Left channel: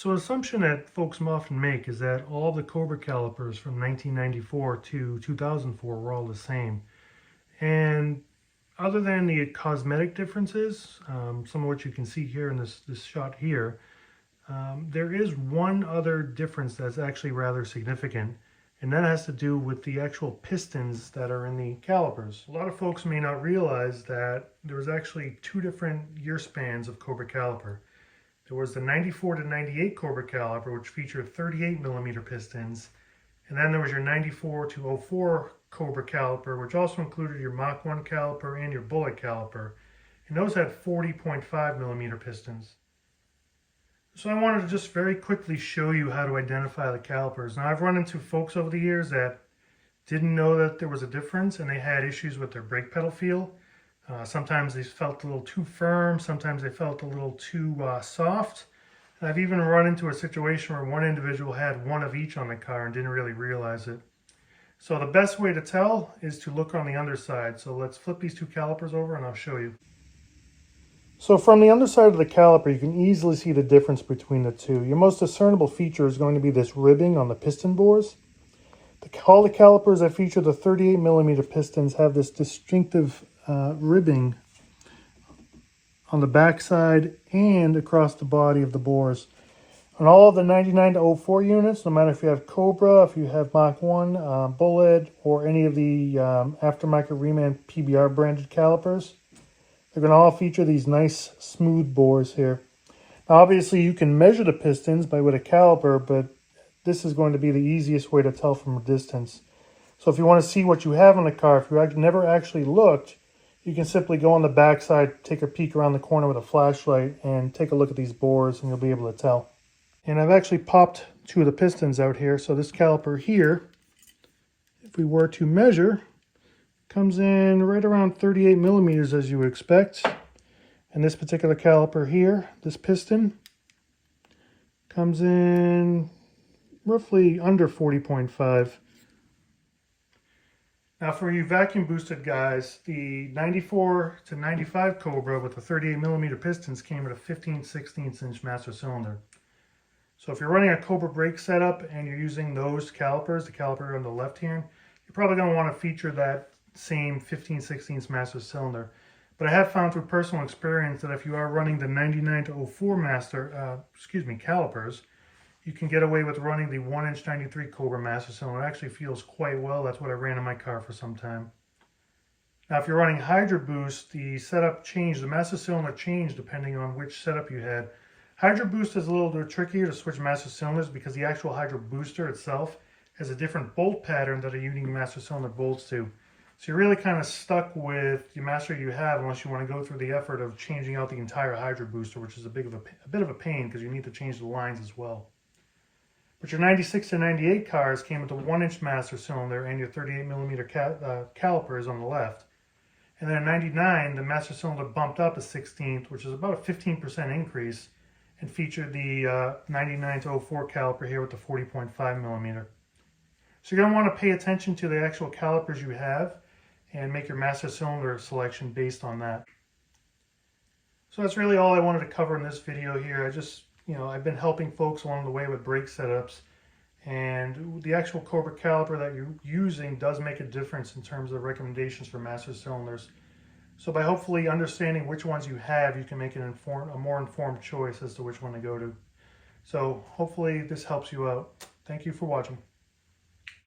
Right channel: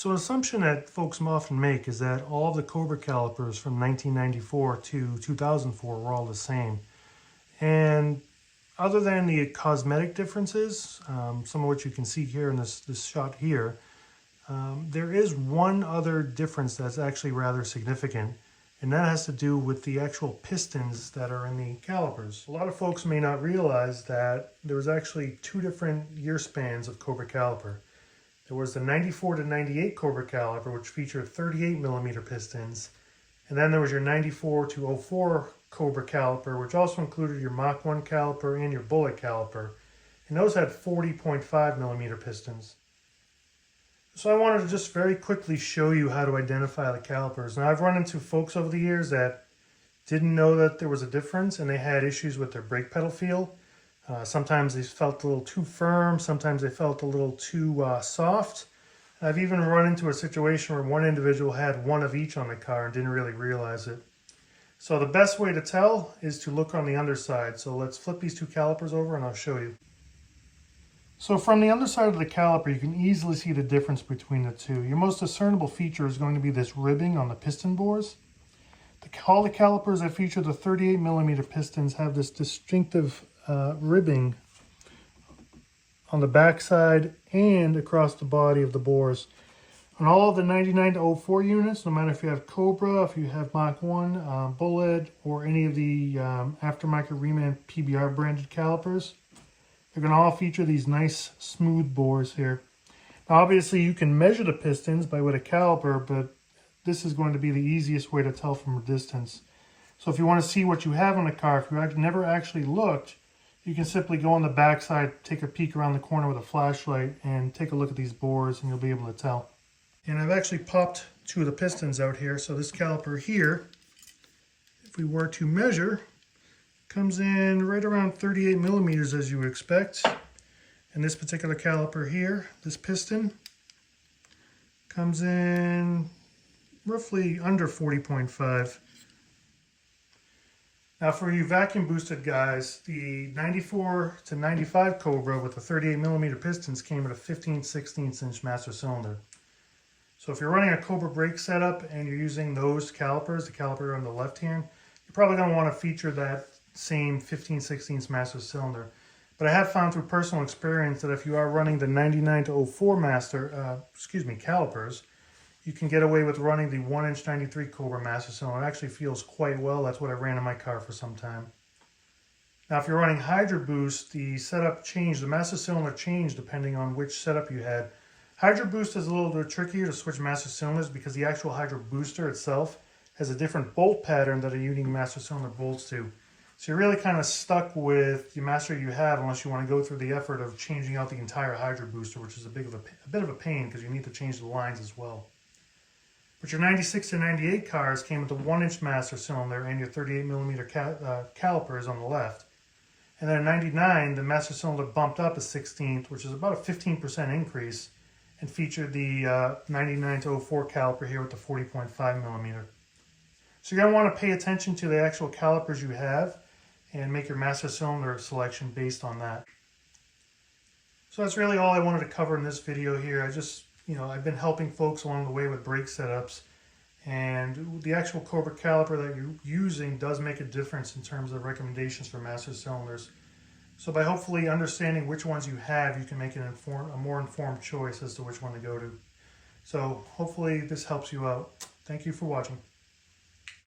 So an assumption that folks often make is that all the Cobra calipers from 1994 to 2004 were all the same. And other than the cosmetic differences, some of which you can see here in this shot here, there is one other difference that's actually rather significant, and that has to do with the actual pistons that are in the calipers. A lot of folks may not realize that there was actually two different year spans of Cobra caliper. There was the 94 to 98 Cobra caliper, which featured 38 millimeter pistons. And then there was your 94 to 04 Cobra caliper, which also included your Mach 1 caliper and your bullet caliper. And those had 40.5 millimeter pistons. So I wanted to just very quickly show you how to identify the calipers. Now, I've run into folks over the years that didn't know that there was a difference, and they had issues with their brake pedal feel. Sometimes they felt a little too firm, sometimes they felt a little too soft. And I've even run into a situation where one individual had one of each on the car and didn't really realize it. So the best way to tell is to look on the underside. So let's flip these two calipers over and I'll show you. So from the underside of the caliper, you can easily see the difference between the two. Your most discernible feature is going to be this ribbing on the piston bores. All the calipers that feature the 38 millimeter pistons have this distinctive ribbing on the backside and across the body of the bores. On all of the 99 to 04 units, no matter if you have Cobra, if you have Mach 1, Bullet, or any of the aftermarket Reman PBR branded calipers, they're going to all feature these nice smooth bores here. Now obviously you can measure the pistons with a caliper, but this is going to be the easiest way to tell from a distance. So if you want to see what you have on the car, if you never actually looked, you can simply go on the back side, take a peek around the corner with a flashlight, and take a look at these bores, and you'll be able to tell. And I've actually popped two of the pistons out here. So this caliper here, if we were to measure, comes in right around 38 millimeters as you would expect. And this particular caliper here, this piston, comes in roughly under 40.5. Now for you vacuum boosted guys, the 94 to 95 Cobra with the 38 millimeter pistons came with a 15/16 inch master cylinder. So if you're running a Cobra brake setup and you're using those calipers, the caliper on the left hand, you're probably going to want to feature that same 15/16 master cylinder. But I have found through personal experience that if you are running the 99 to 04 calipers, you can get away with running the 1-inch 93 Cobra master cylinder. It actually feels quite well. That's what I ran in my car for some time. Now, if you're running Hydro Boost, the setup changed. The master cylinder changed depending on which setup you had. Hydro Boost is a little bit trickier to switch master cylinders because the actual Hydro Booster itself has a different bolt pattern that a unique master cylinder bolts to. So you're really kind of stuck with the master you have unless you want to go through the effort of changing out the entire Hydro Booster, which is a bit of a pain because you need to change the lines as well. But your 96 to 98 cars came with a 1-inch master cylinder and your 38 millimeter calipers on the left. And then in 99, the master cylinder bumped up a 16th, which is about a 15% increase, and featured the 99 to 04 caliper here with the 40.5 millimeter. So you're going to want to pay attention to the actual calipers you have and make your master cylinder selection based on that. So that's really all I wanted to cover in this video here. I've been helping folks along the way with brake setups, and the actual Cobra caliper that you're using does make a difference in terms of recommendations for master cylinders. So by hopefully understanding which ones you have, you can make a more informed choice as to which one to go to. So hopefully this helps you out. Thank you for watching.